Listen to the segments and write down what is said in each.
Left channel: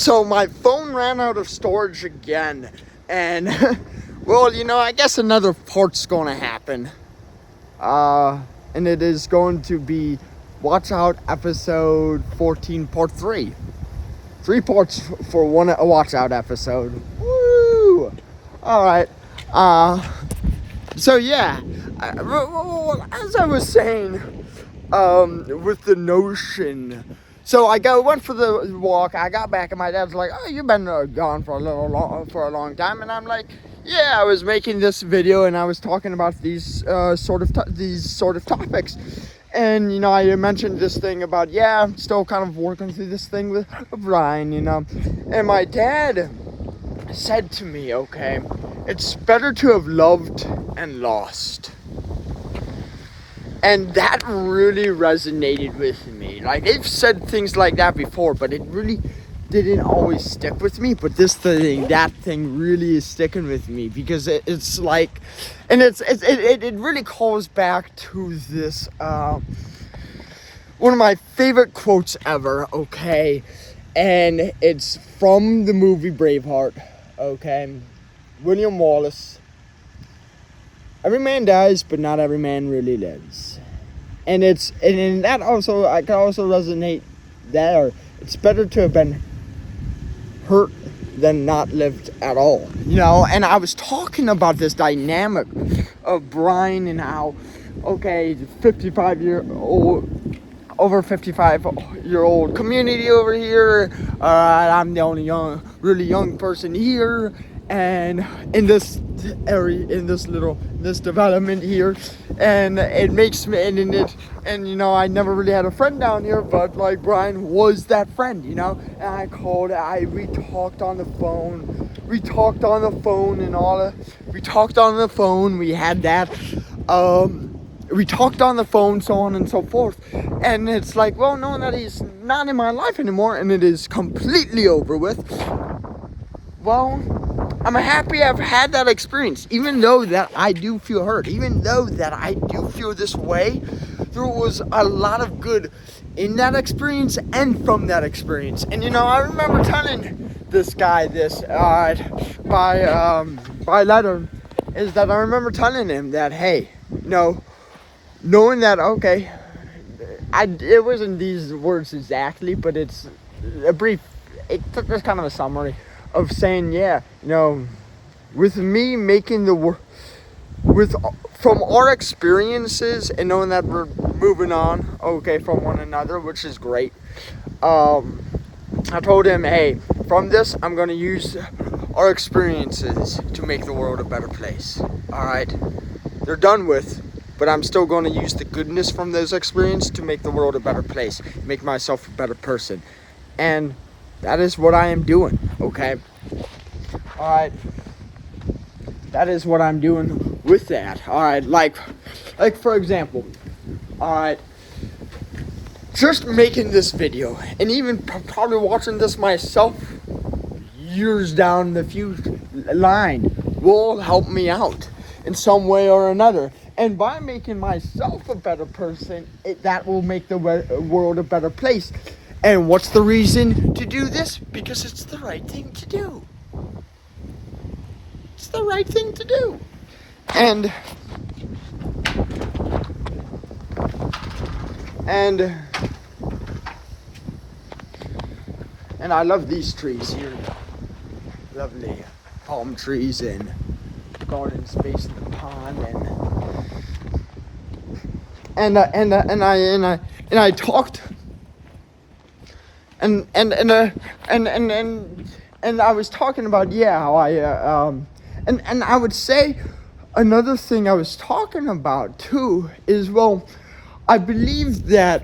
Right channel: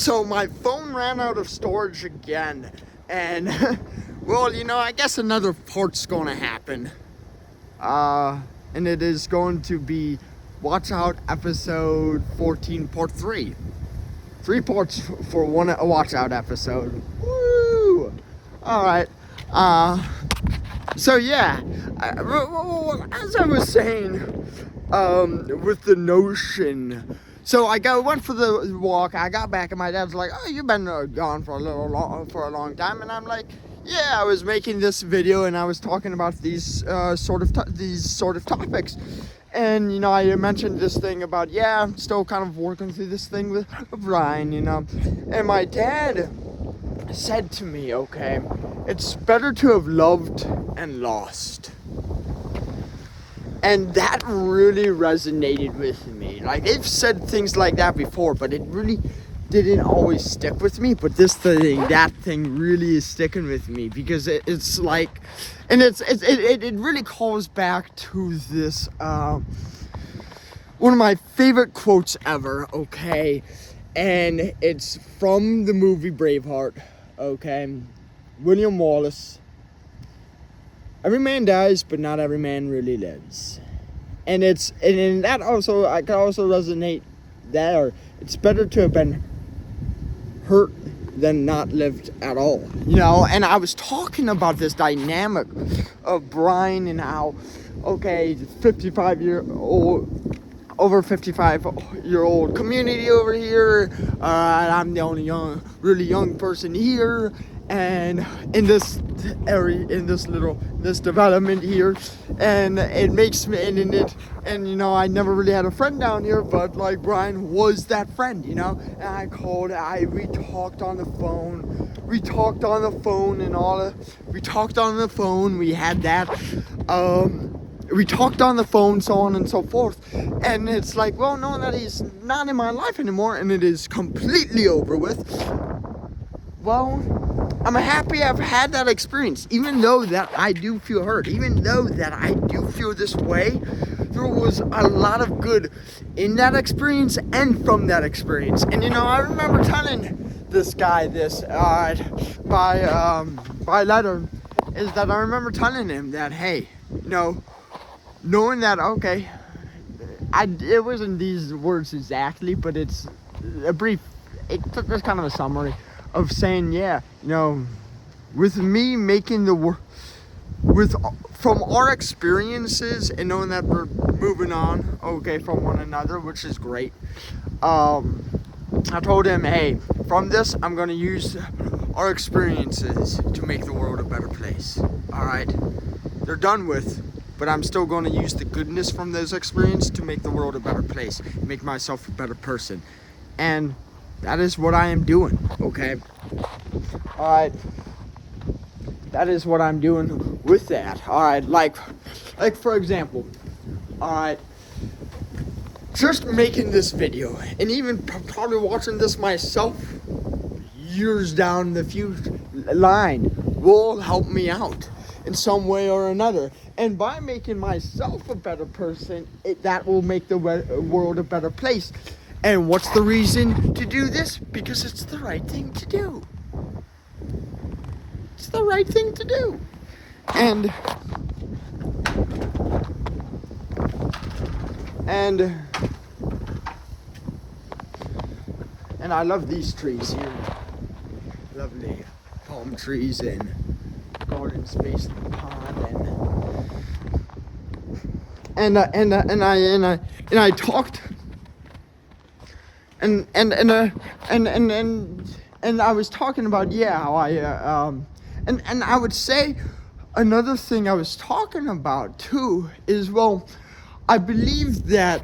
So my phone ran out of storage again, and well, I guess another part's gonna happen. And it is going to be Watch Out episode 14 part 3. 3 parts for one Watch Out episode. Woo! Alright. So yeah, as I was saying, with the notion. So went for the walk. I got back, and my dad's like, "Oh, you've been gone for a long time." And I'm like, "Yeah, I was making this video, and I was talking about these sort of topics." And I mentioned this thing about I'm still kind of working through this thing with Brian, And my dad said to me, "Okay, it's better to have loved and lost." And that really resonated with me. Like, they've said things like that before, but it really didn't always stick with me. But that thing really is sticking with me, because it's like, and it really calls back to this, one of my favorite quotes ever, okay? And it's from the movie Braveheart, okay? William Wallace. Every man dies, but not every man really lives. And that also, I can also resonate there. It's better to have been hurt than not lived at all. And I was talking about this dynamic of Brian and how, okay, over 55-year-old community over here. I'm the only really young person here. And in this area, in this development here, and it makes me, and I never really had a friend down here, but like Brian was that friend, and we talked on the phone, we talked on the phone, we had that, we talked on the phone, so on and so forth, and it's like, well, knowing that he's not in my life anymore, and it is completely over with, well, I'm happy I've had that experience, even though that I do feel hurt, even though that I do feel this way. There was a lot of good in that experience and from that experience. And I remember telling this guy this by letter, is that I remember telling him that, hey, knowing that, okay, it wasn't these words exactly, but it's kind of a summary of saying, with me making from our experiences and knowing that we're moving on, okay, from one another, which is great. I told him, hey, from this, I'm going to use our experiences to make the world a better place. All right, they're done with, but I'm still going to use the goodness from those experiences to make the world a better place, make myself a better person. And that is what I am doing, okay? All right. That is what I'm doing with that. All right, like for example, all right, just making this video, and even probably watching this myself years down the line will help me out in some way or another. And by making myself a better person, that will make the world a better place. And what's the reason to do this? Because it's the right thing to do. It's the right thing to do. And I love these trees here. Lovely palm trees and garden space in the pond, and I talked. And I was talking about how and I would say another thing I was talking about too is, well, I believe that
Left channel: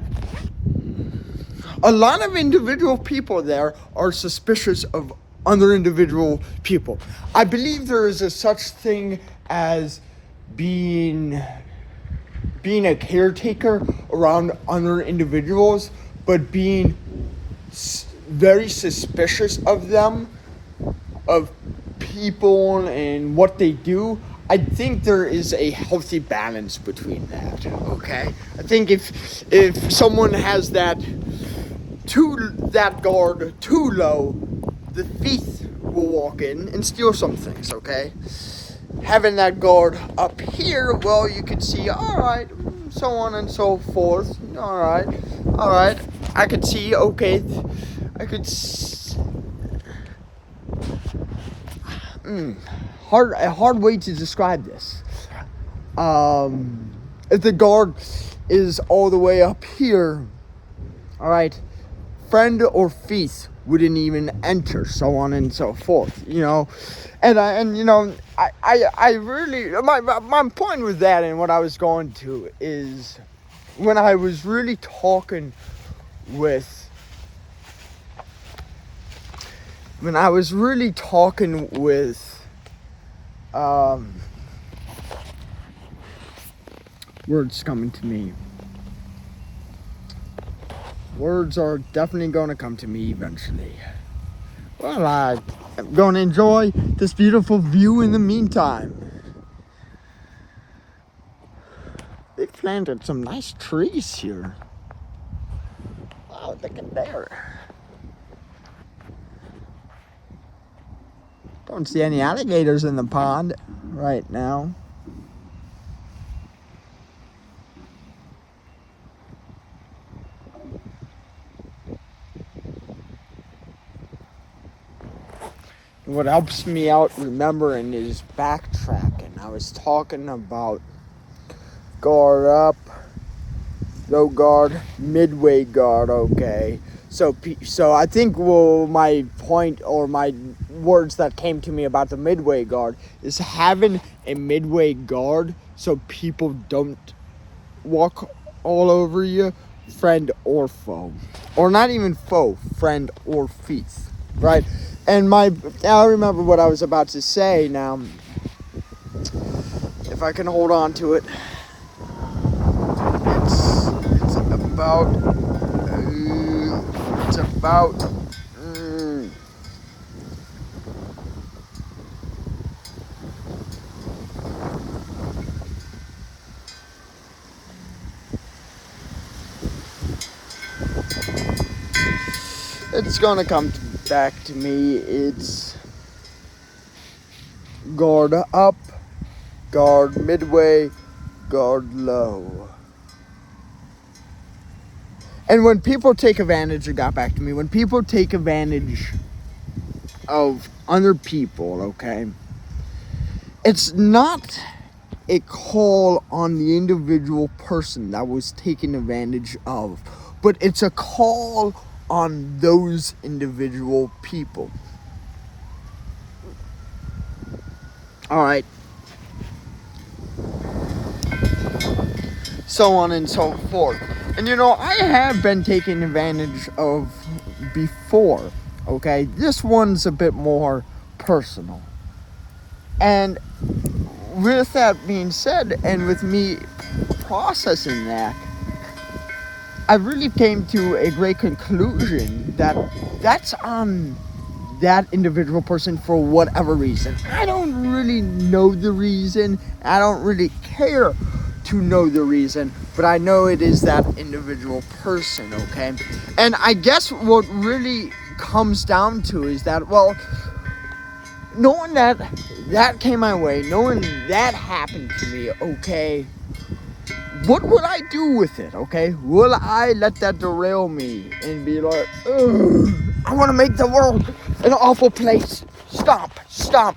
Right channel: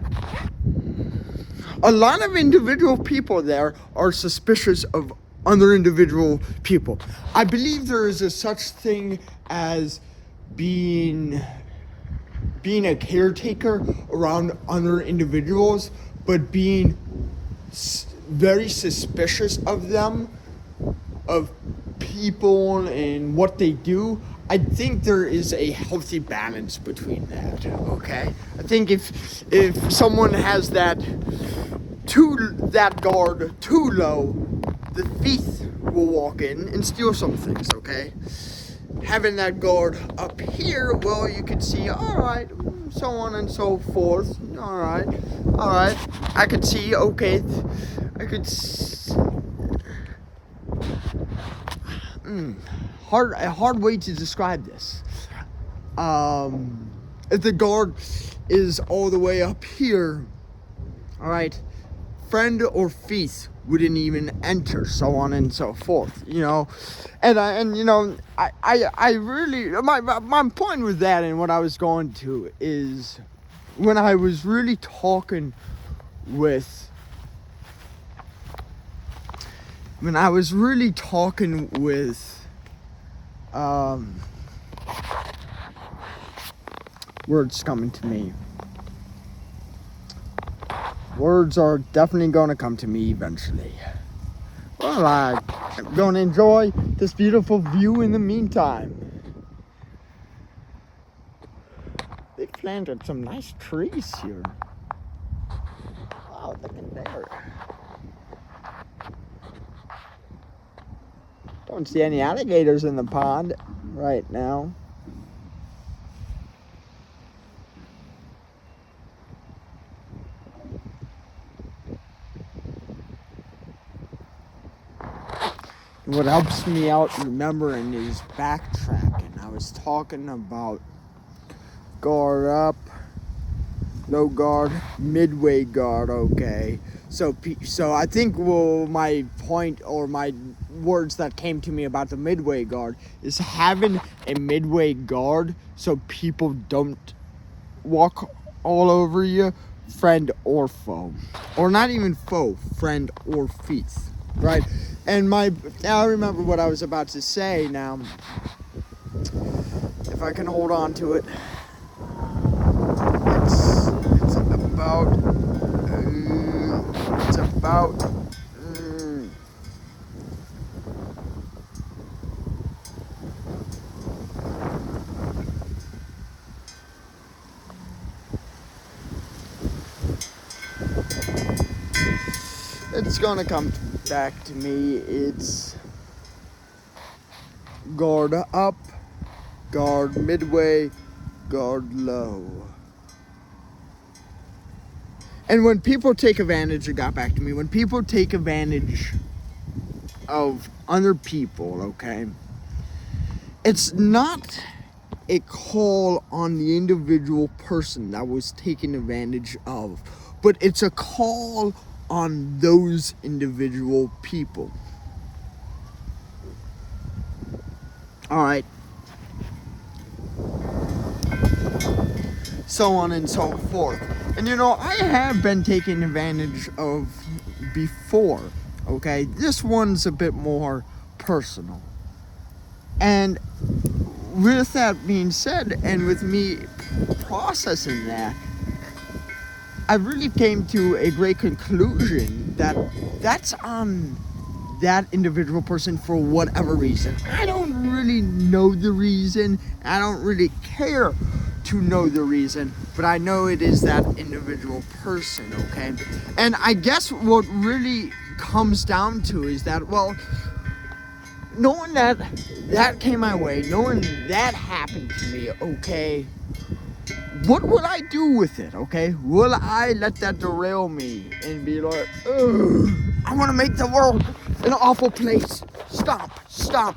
a lot of individual people there are suspicious of other individual people. I believe there is a such thing as being a caretaker around other individuals, but being very suspicious of them, of people and what they do. I think there is a healthy balance between that, okay? I think if someone has that guard too low, the thief will walk in and steal some things, okay? Having that guard up here, well, you can see, all right, so on and so forth. All right. I could see, okay, a hard way to describe this. If the guard is all the way up here, all right, friend or thief wouldn't even enter, so on and so forth, you know. And you know, I really, my point with that and what I was going to is when I was really talking with words coming to me. Words are definitely going to come to me eventually. Well, I'm going to enjoy this beautiful view in the meantime. They planted some nice trees here. Wow, look at there. Don't see any alligators in the pond right now. What helps me out remembering is backtracking. I was talking about guard up, low guard, midway guard, okay. So I think my point or my words that came to me about the midway guard is having a midway guard so people don't walk all over you, friend or foe. Or not even foe, friend or thief, right? And I remember what I was about to say now. If I can hold on to it. It's about it's gonna come back to me. It's guard up, guard midway, guard low. And when people take advantage, it got back to me, when people take advantage of other people, okay, it's not a call on the individual person that was taken advantage of, but it's a call on those individual people. All right. So on and so forth. And you know, I have been taken advantage of before, okay? This one's a bit more personal. And with that being said, and with me processing that, I really came to a great conclusion that that's on that individual person for whatever reason. I don't really know the reason. I don't really care to know the reason, but I know it is that individual person, okay? And I guess what really comes down to is that, well, knowing that came my way, knowing that happened to me, okay, what would I do with it, okay? Will I let that derail me and be like, ugh, I want to make the world an awful place. Stop.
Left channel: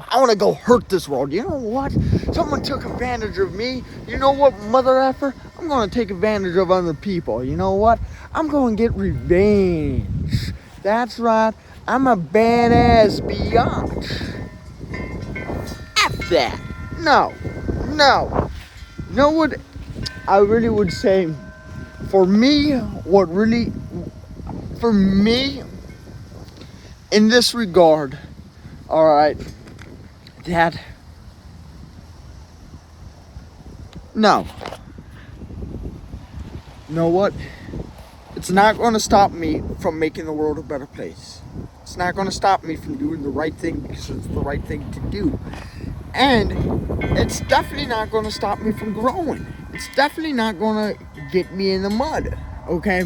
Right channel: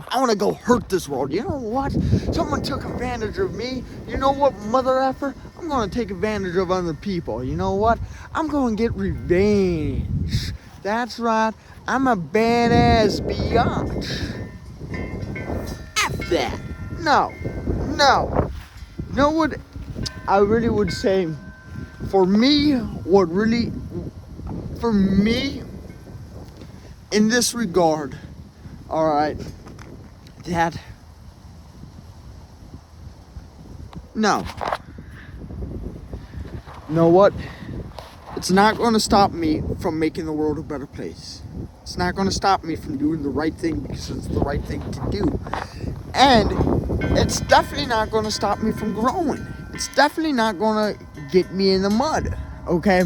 I want to go hurt this world. You know what? Someone took advantage of me. You know what, mother effer? I'm going to take advantage of other people. You know what? I'm going to get revenge. That's right. I'm a badass biatch. F that. No. You know what I really would say? For me, in this regard, all right, that, no. You know what? It's not going to stop me from making the world a better place. It's not going to stop me from doing the right thing because it's the right thing to do. And it's definitely not going to stop me from growing. It's definitely not going to get me in the mud, okay?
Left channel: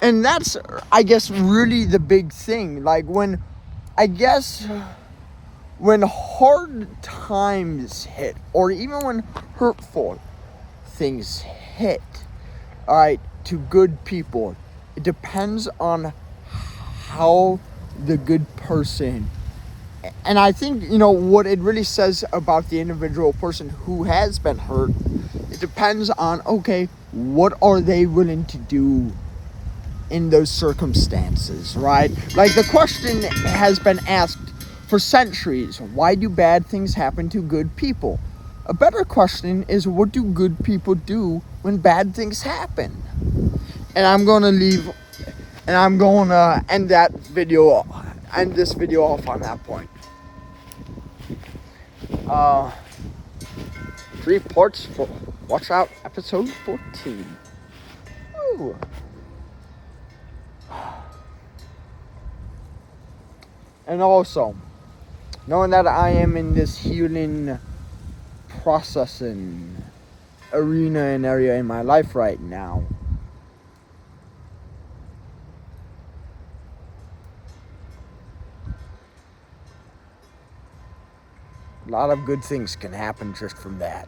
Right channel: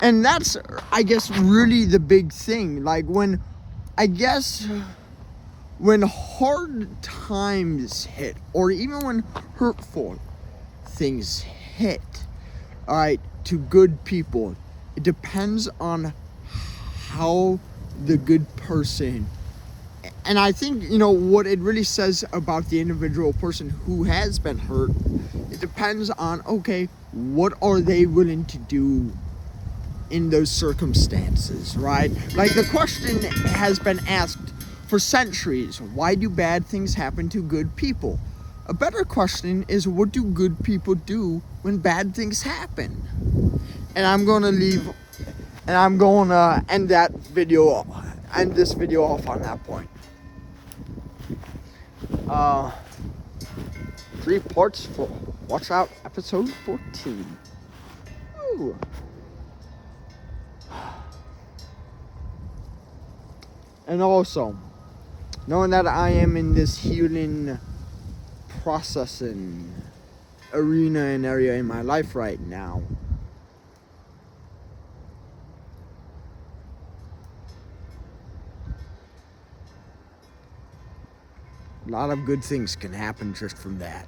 And that's, I guess, really the big thing. Like when hard times hit, or even when hurtful things hit, all right, to good people, it depends on how the good person, and I think, what it really says about the individual person who has been hurt, it depends on, okay, what are they willing to do in those circumstances, right? Like the question has been asked for centuries: why do bad things happen to good people? A better question is, what do good people do when bad things happen? And I'm going to end this video off on that point. 3 parts for Watch Out episode 14. Ooh. And also, knowing that I am in this healing processing arena and area in my life right now, a lot of good things can happen just from that.